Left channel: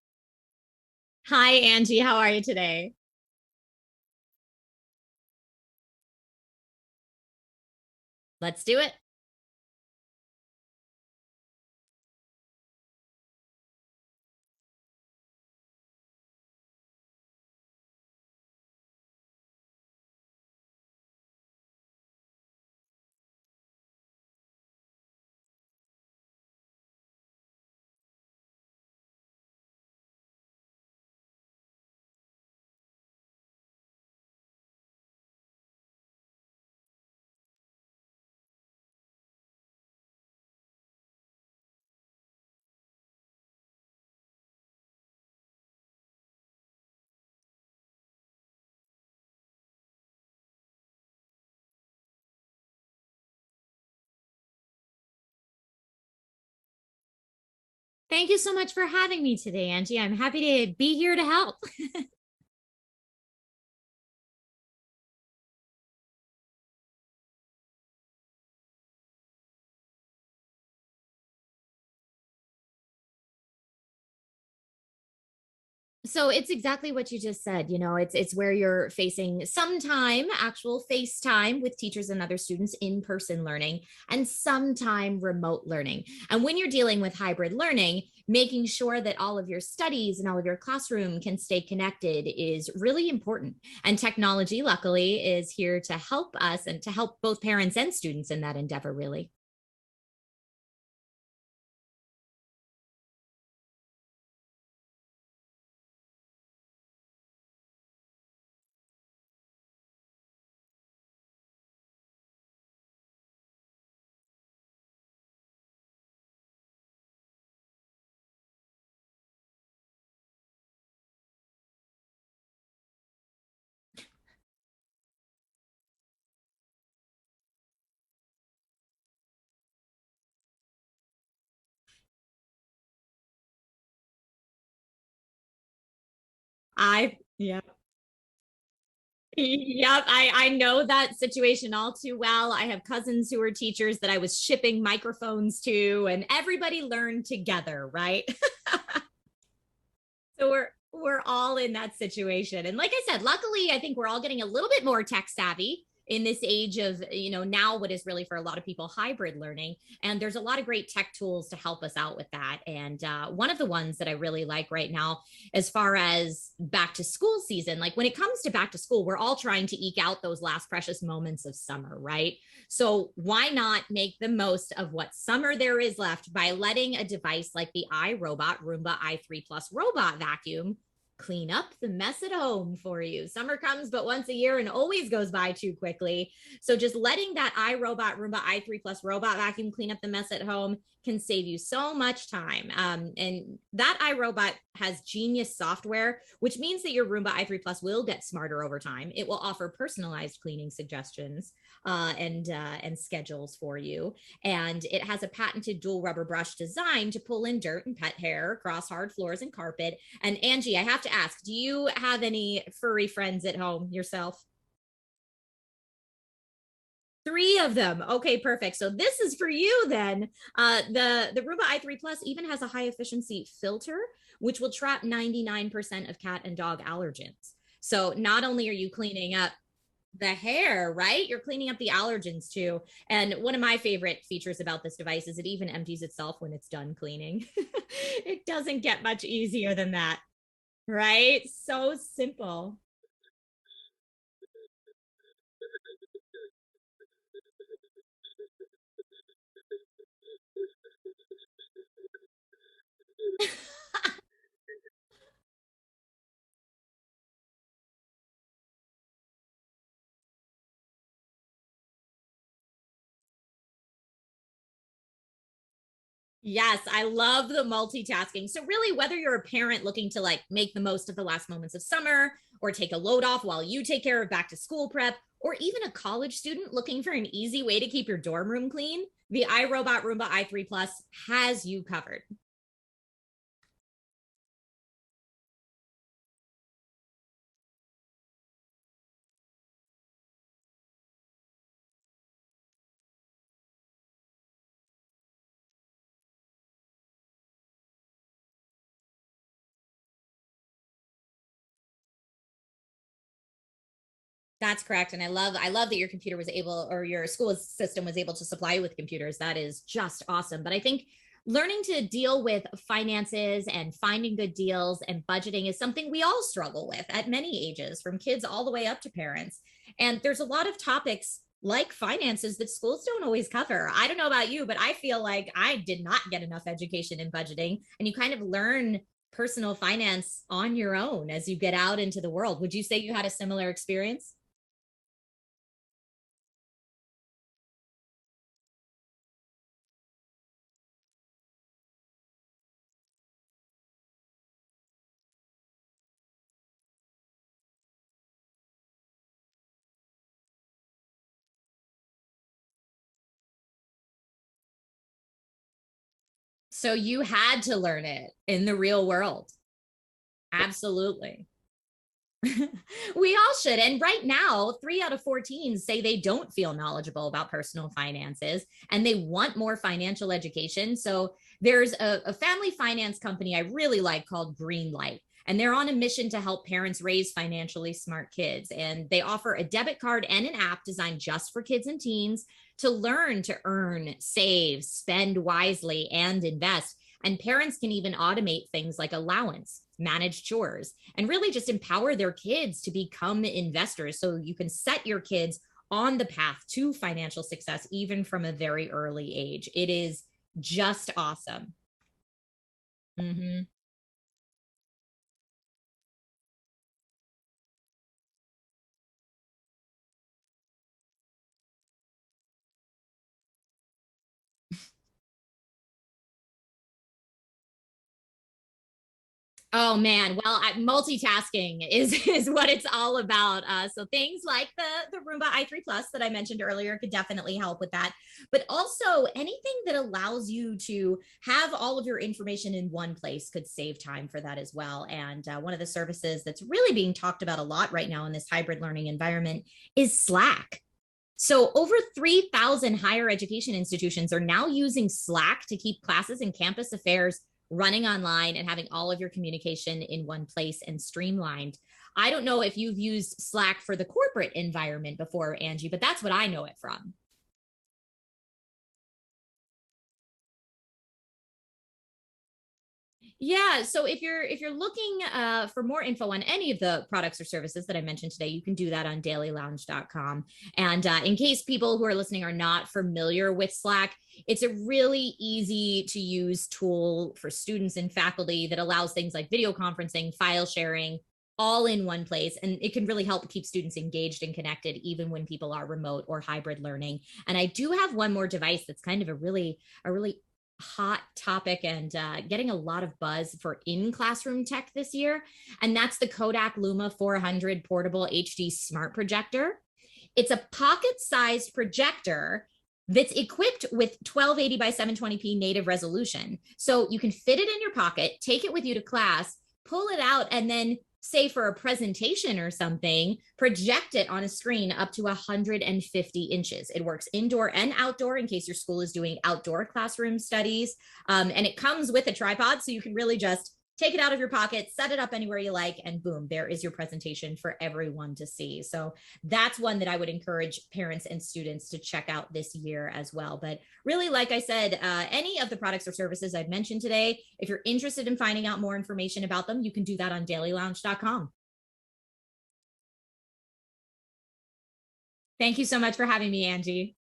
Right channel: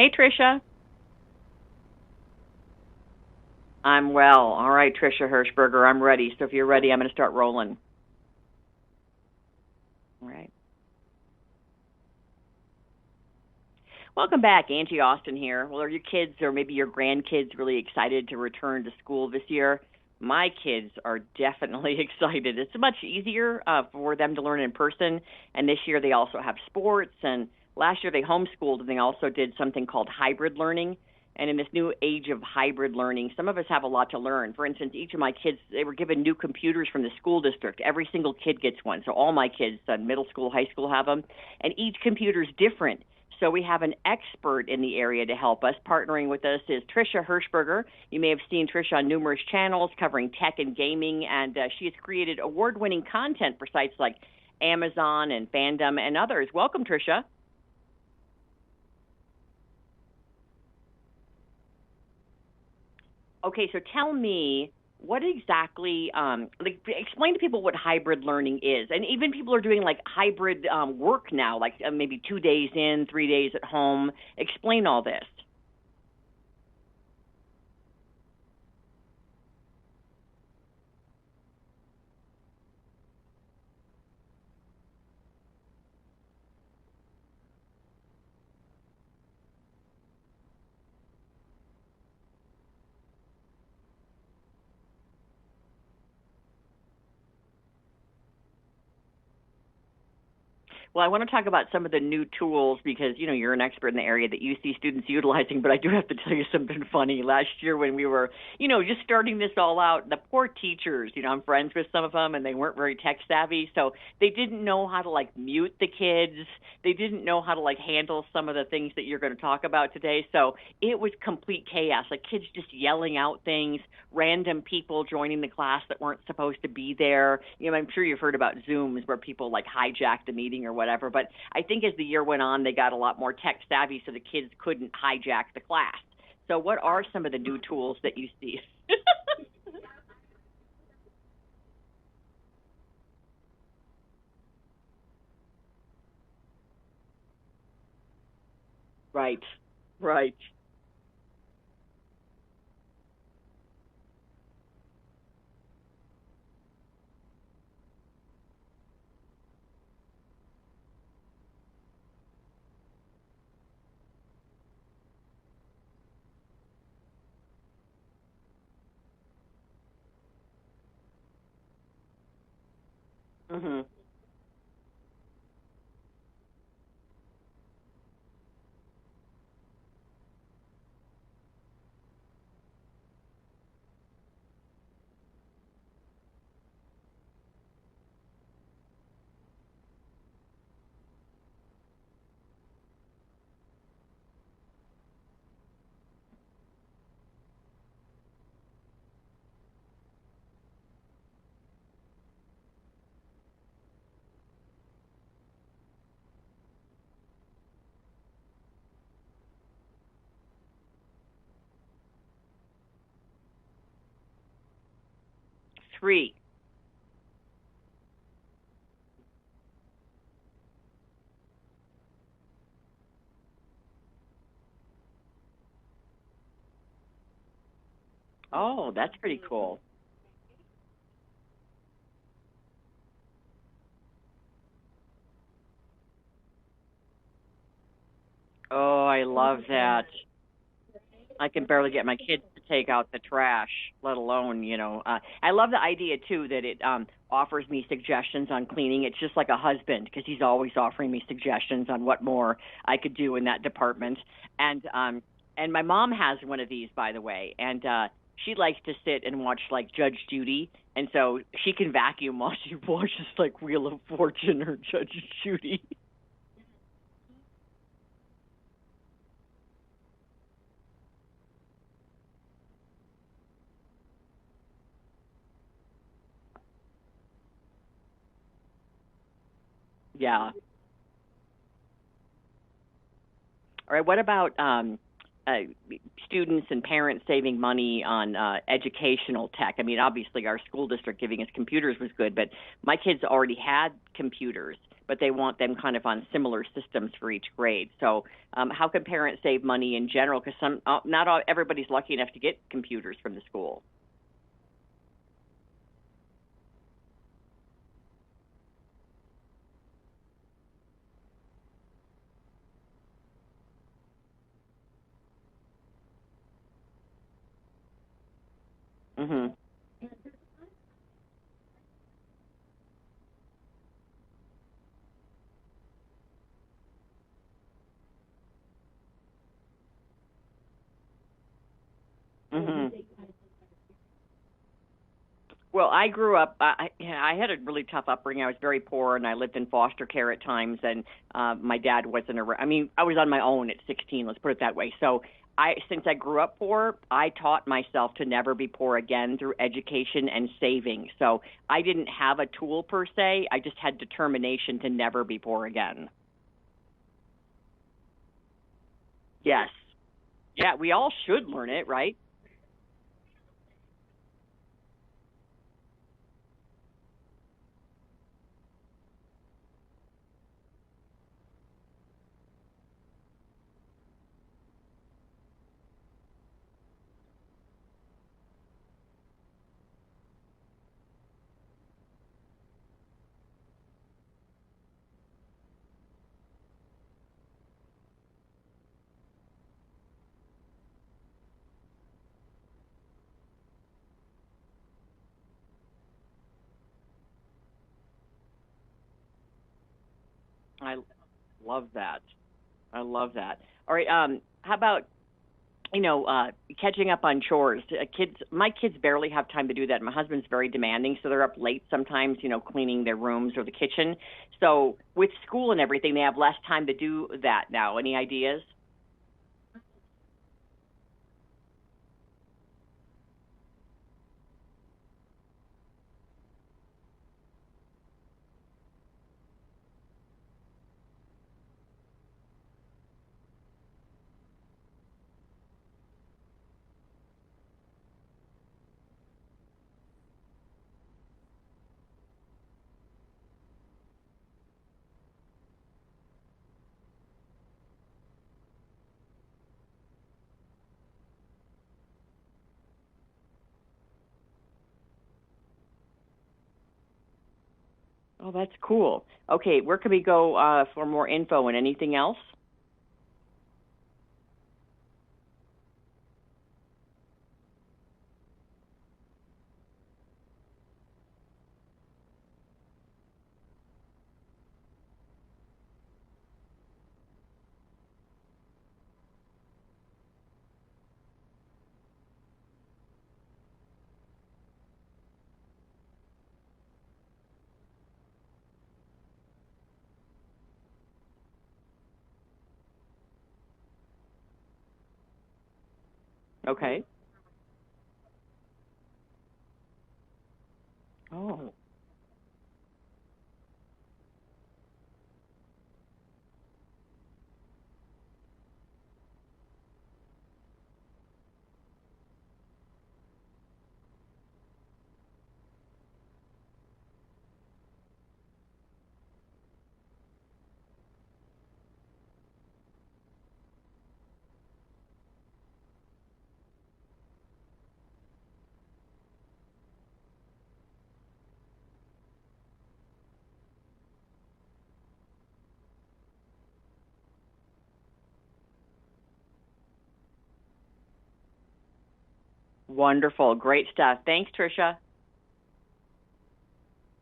Hey, Trisha. Hi, Angie. How are you today? I'm well. All right, Trisha Hershberger, I'm ready. So if you're ready, I'm going to start rolling. Let's do it. All right. Welcome back. Angie Austin here. Well, are your kids or maybe your grandkids really excited to return to school this year? My kids are definitely excited. It's much easier for them to learn in person. And this year they also have sports. And last year they homeschooled and they also did something called hybrid learning. And in this new age of hybrid learning, some of us have a lot to learn. For instance, each of my kids, they were given new computers from the school district. Every single kid gets one. So all my kids, middle school, high school, have them. And each computer is different. So we have an expert in the area to help us. Partnering with us is Trisha Hershberger. You may have seen Trisha on numerous channels covering tech and gaming, and she has created award-winning content for sites like Amazon and Fandom and others. Welcome, Trisha. Thank you so much for having me today, Angie. I'm happy to be here to help. Okay, so tell me what exactly, explain to people what hybrid learning is. And even people are doing like hybrid work now, like maybe 2 days in, 3 days at home. Explain all this. So it's exactly what you just said. It's where you're facing some time, actual face time with teachers and other students, in-person learning, and sometime remote learning. And when you're dealing with hybrid learning, making sure that all of your studies and all of your classroom can stay connected is really important. And technology, luckily, is here to help us and to help both parents and students in that endeavor, really. Well, I want to talk about some of the new tools because, you're an expert in the area that you see students utilizing, but I do have to tell you something funny. Last year when we were, just starting this all out, the poor teachers, I'm friends with some of them and they weren't very tech savvy. So they didn't know how to like mute the kids. They didn't know how to like handle some of the things that you're going to talk about today. So it was complete chaos, like kids just yelling out things, random people joining the class that weren't supposed to be there. I'm sure you've heard about Zooms where people like hijack the meeting or whatever. But I think as the year went on, they got a lot more tech savvy so the kids couldn't hijack the class. So what are some of the new Yeah. tools that you see? Yep, I know that situation all too well. I have cousins who are teachers that I was shipping microphones to, and everybody learned together, right? Right, right. So we're all in that situation. And like I said, luckily, I think we're all getting a little bit more tech savvy in this age of, now what is really for a lot of people hybrid learning. And there's a lot of great tech tools to help us out with that. And one of the ones that I really like right now, as far as back to school season, like when it comes to back to school, we're all trying to eke out those last precious moments of summer, right? So why Mm-hmm. not make the most of what summer there is left by letting a device like the iRobot Roomba i3 Plus robot vacuum clean up the mess at home for you. Summer comes but once a year and always goes by too quickly. So just letting that iRobot Roomba i3 Plus robot vacuum clean up the mess at home can save you so much time. And that iRobot has genius software, which means that your Roomba i3 Plus will get smarter over time. It will offer personalized cleaning suggestions and schedules for you. And it has a patented dual rubber brush design to pull in dirt and pet hair across hard floors and carpet. And Angie, I have to ask, do you have any furry friends at home yourself? Three. Three of them. Okay, perfect. So this is for you then. The Roomba i3 Plus even has a high efficiency filter, which will trap 99% of cat and dog allergens. So not only are you Oh, that's cleaning pretty up cool. the hair, right? You're cleaning up the allergens too. And one of my favorite features about this device is it even empties itself when it's done cleaning. It doesn't get Oh, I much love easier than that. that, right? I can barely So get my kids to simple. take out the trash, let alone, I love the idea too that it offers me suggestions on cleaning. It's just like a husband because he's always offering me suggestions on what more I could do in that department. And my mom has one of these, by the way, and she likes to sit and watch like Judge Judy, and so she can vacuum while she watches like Wheel of Fortune or Judge Judy. Yes, I love the multitasking. So really, whether you're a parent looking to like make the most of the last moments of summer or take a load off while you take care of back to school prep, or even a college student looking for an easy way to keep your dorm room clean, the iRobot Roomba Yeah. i3 Plus has you covered. All right. What about uh, students and parents saving money on educational tech? I mean, obviously, our school district giving us computers was good, but my kids already had computers. but they want them kind of on similar systems for each grade. So how can parents save money in general? Because everybody's lucky enough to get computers from the school. That's correct. And I love that your computer was able, or your school system was able to supply you with computers. That is just awesome. But I think learning to deal with finances and finding good deals and budgeting is something we all struggle with at many ages, from kids all the way up to parents. And there's a lot of topics like finances that schools don't always cover. I don't know about you, but I feel like I did not get enough education in budgeting, and you kind of learn personal finance on your own as you get out into the world. Would you say you had a similar experience? Well, I grew up, I had a really tough upbringing. I was very poor, and I lived in foster care at times, and my dad wasn't around. I mean, I was on my own at 16, let's put it that way. So since I grew up poor, I taught myself to never be poor again through education and saving. So I didn't have a tool per se. I just had determination to never be poor again. So you had to learn it in the real world. Yes. Absolutely. Yeah, we all should learn it, right? We all should. And right now, 3 out of 4 teens say they don't feel knowledgeable about personal finances and they want more financial education. So there's a family finance company I really like called Greenlight, and they're on a mission to help parents raise financially smart kids. And they offer a debit card and an app designed just for kids and teens to learn to earn, save, spend wisely, and invest. And parents can even automate things like allowance, manage chores, and really just empower their kids to become investors, so you can set your kids on the path to financial success even from a very early age. It is just awesome. Love that. I love that. All right. How about, catching up on chores? My kids barely have time to do that. My husband's very demanding, so they're up late sometimes, cleaning their rooms or the kitchen. So with school and everything, they have less time to do that now. Any ideas? Oh man, well, multitasking is what it's all about. So things like the Roomba i3 Plus that I mentioned earlier could definitely help with that. But also anything that allows you to have all of your information in one place could save time for that as well. And one of the services that's really being talked about a lot right now in this hybrid learning environment is Slack. So over 3,000 higher education institutions are now using Slack to keep classes and campus affairs running online and having all of your communication in one place and streamlined. I don't know if you've used Slack for the corporate environment before, Angie, but that's what I know it from. Oh, that's cool. Okay, where can we go for more info and anything else? Yeah, so if you're looking for more info on any of the products or services that I mentioned today, you can do that on dailylounge.com. And in case people who are listening are not familiar with Slack, it's a really easy to use tool for students and faculty that allows things like video conferencing, file sharing, all in one place. And it can really help keep students engaged and connected even when people are remote or hybrid learning. And I do have one more device that's kind of a really hot topic and getting a lot of buzz for in-classroom tech this year. And that's the Kodak Roma 400 portable HD smart projector. It's a pocket-sized projector that's equipped with 1280 by 720p native resolution. So you can fit it in your pocket, take it with you to class, pull it out, and then say for a presentation or something, project it on a screen up to 150 inches. It works indoor and outdoor in case your school is doing outdoor classroom studies. And it comes with a tripod, so you can really just take it out of your pocket, set it up anywhere you like, and boom, there is your presentation for everyone to see. So that's one that I would encourage parents and students to check out this year as well. But really, like I said, any of the products or services I've mentioned today, if you're interested in finding out more information about them, you can do that on dailylounge.com. Wonderful. Great stuff. Thanks, Trisha. Thank you so much for having me, Angie.